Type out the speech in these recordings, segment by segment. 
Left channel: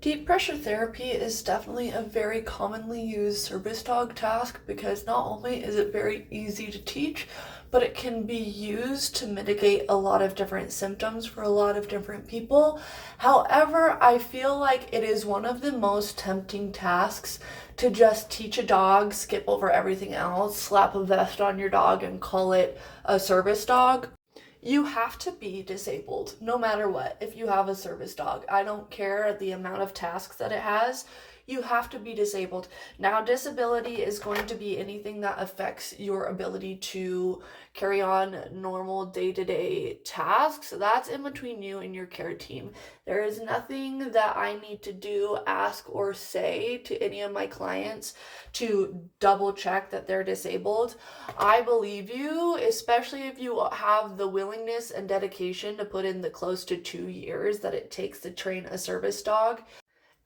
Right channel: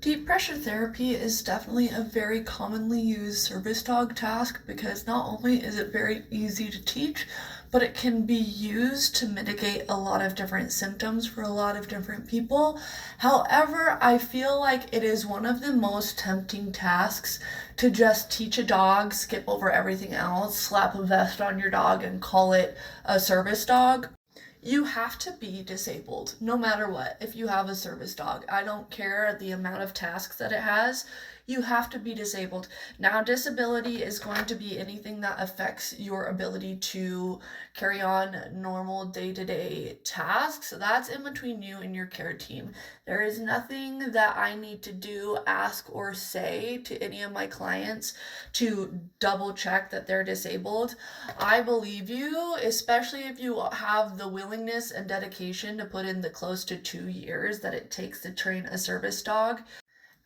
Deep pressure therapy is definitely a very commonly used service dog task because not only is it very easy to teach, but it can be used to mitigate a lot of different symptoms for a lot of different people. However, I feel like it is one of the most tempting tasks to just teach a dog, skip over everything else, slap a vest on your dog, and call it a service dog. You have to be disabled no matter what if you have a service dog. I don't care the amount of tasks that it has. You have to be disabled. Now, disability is going to be anything that affects your ability to carry on normal day to day tasks. That's in between you and your care team. There is nothing that I need to do, ask, or say to any of my clients to double check that they're disabled. I believe you, especially if you have the willingness and dedication to put in the close to 2 years that it takes to train a service dog.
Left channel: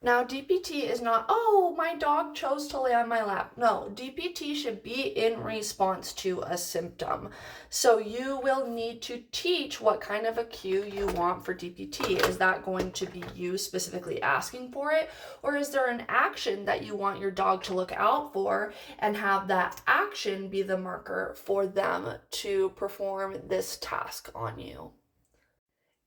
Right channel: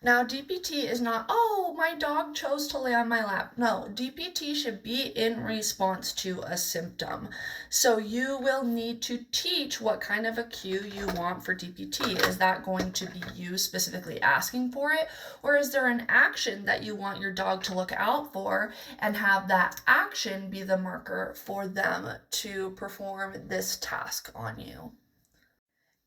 Now, DPT is not, oh, my dog chose to lay on my lap. No, DPT should be in response to a symptom. So you will need to teach what kind of a cue you want for DPT. Is that going to be you specifically asking for it? Or is there an action that you want your dog to look out for and have that action be the marker for them to perform this task on you?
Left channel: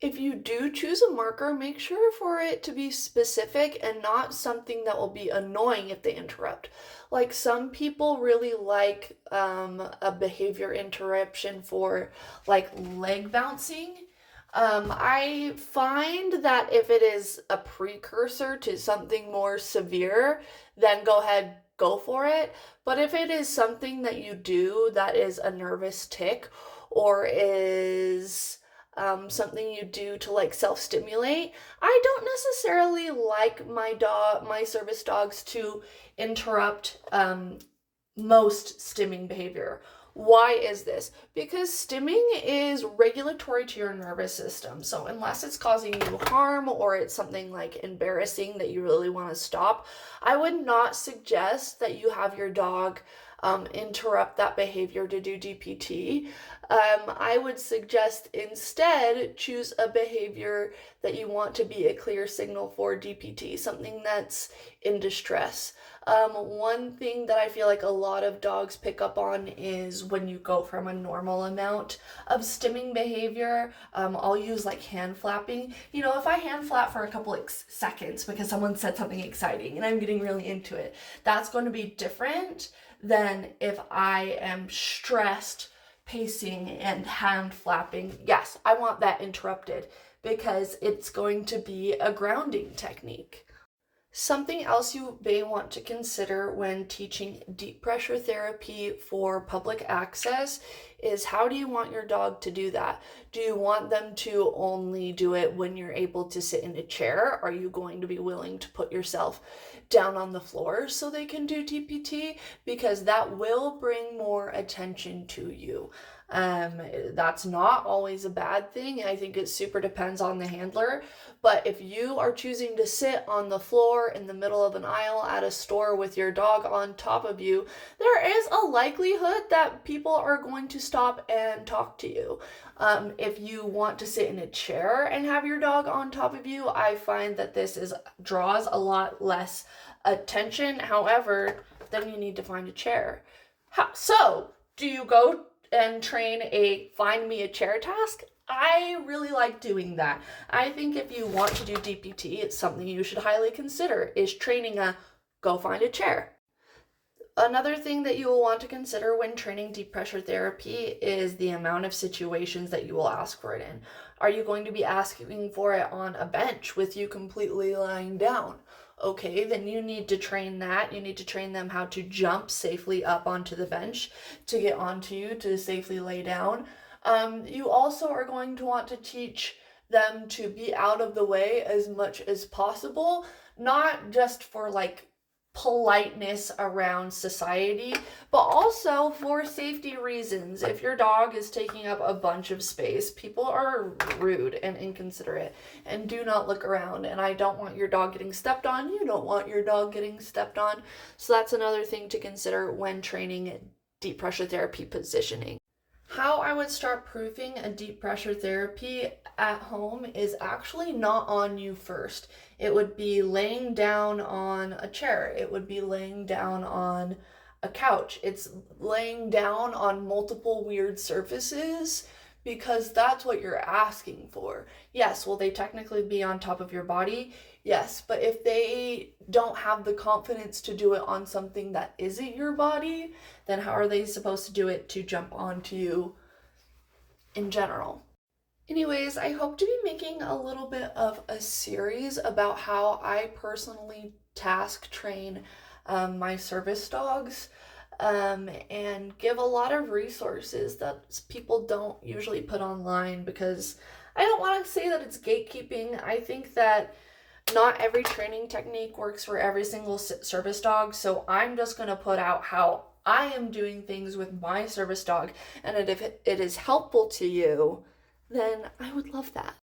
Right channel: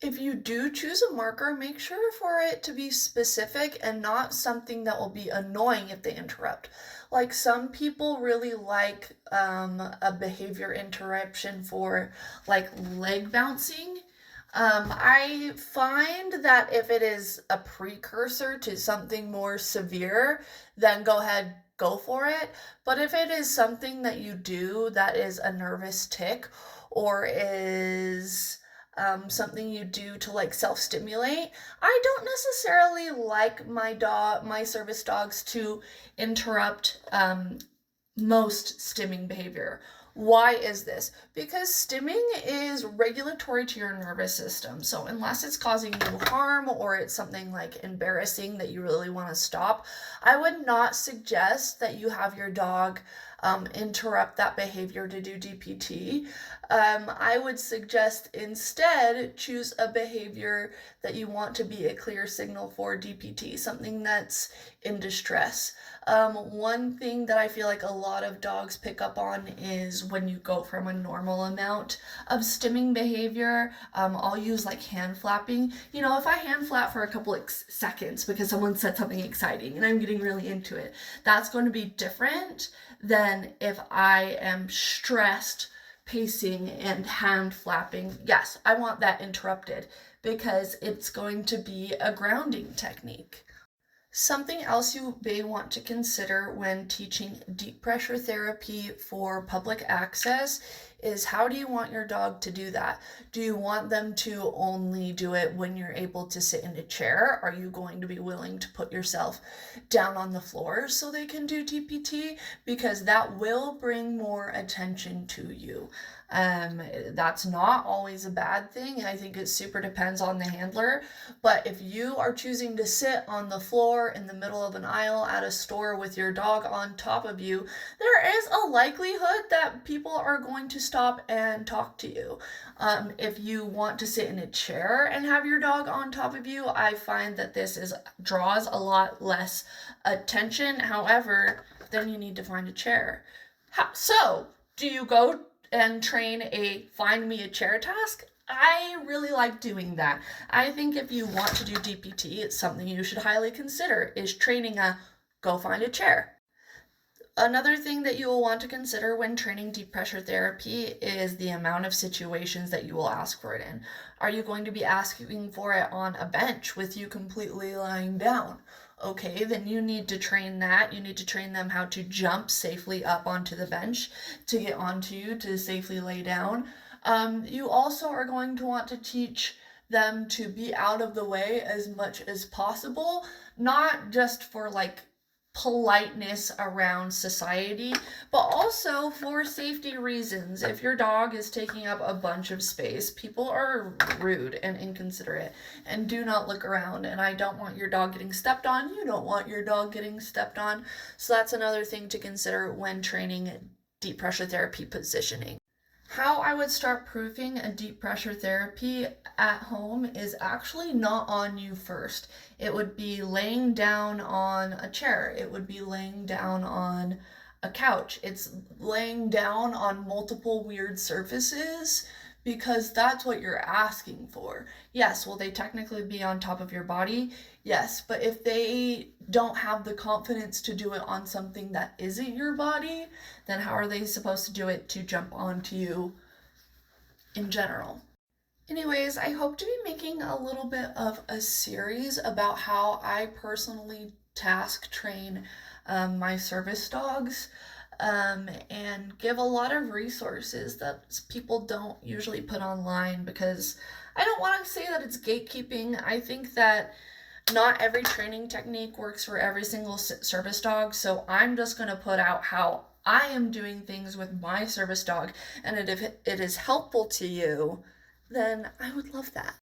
If you do choose a marker, make sure for it to be specific and not something that will be annoying if they interrupt. Like some people really like a behavior interruption for like leg bouncing. I find that if it is a precursor to something more severe, then go ahead, go for it. But if it is something that you do that is a nervous tick or is something you do to like self-stimulate. I don't necessarily like my service dogs to interrupt most stimming behavior. Why is this? Because stimming is regulatory to your nervous system. So, unless it's causing you harm or it's something like embarrassing that you really want to stop, I would not suggest that you have your dog interrupt that behavior to do DPT. I would suggest instead choose a behavior that you want to be a clear signal for DPT, something that's in distress. One thing that I feel like a lot of dogs pick up on is when you go from a normal amount of stimming behavior. I'll use like hand flapping. You know, if I hand flap for a couple of seconds because someone said something exciting and I'm getting really into it, that's going to be different than if I am stressed, pacing, and hand flapping. Yes, I want that interrupted because it's going to be a grounding technique. Something else you may want to consider when teaching deep pressure therapy for public access is how do you want your dog to do that? Do you want them to only do it when you're able to sit in a chair? Are you going to be willing to put yourself down on the floor so they can do DPT? Because that will bring more attention to you. That's not always a bad thing. I think it super depends on the handler. But if you are choosing to sit on the floor in the middle of an aisle at a store with your dog on top of you, there is a likelihood that people are going to stop and talk to you. If you want to sit in a chair and have your dog on top of you, I find that this is draws a lot less attention. However, then you need to find a chair. So, do you go and train a find me a chair task? I really like doing that. I think if you want to do DPT, it's something you should highly consider is training a go find a chair. Another thing that you will want to consider when training deep pressure therapy is the amount of situations that you will ask for it in. Are you going to be asking for it on a bench with you completely lying down? Okay, then you need to train that. You need to train them how to jump safely up onto the bench to get onto you to safely lay down. You also are going to want to teach them to be out of the way as much as possible, not just for like politeness around society, but also for safety reasons. If your dog is taking up a bunch of space, people are rude and inconsiderate and do not look around. And I don't want your dog getting stepped on. You don't want your dog getting stepped on. So that's another thing to consider when training deep pressure therapy positioning. How I would start proofing a deep pressure therapy at home is actually not on you first. It would be laying down on a chair, it would be laying down on a couch, it's laying down on multiple weird surfaces because that's what you're asking for. Yes, will they technically be on top of your body? Yes, but if they don't have the confidence to do it on something that isn't your body, then how are they supposed to do it to jump onto you in general? Anyways, I hope to be making a little bit of a series about how I personally task train my service dogs and give a lot of resources that people don't usually put online because I don't want to say that it's gatekeeping. I think that not every training technique works for every single service dog, so I'm just going to put out how I am doing things with my service dog, and if it is helpful to you, then I would love that.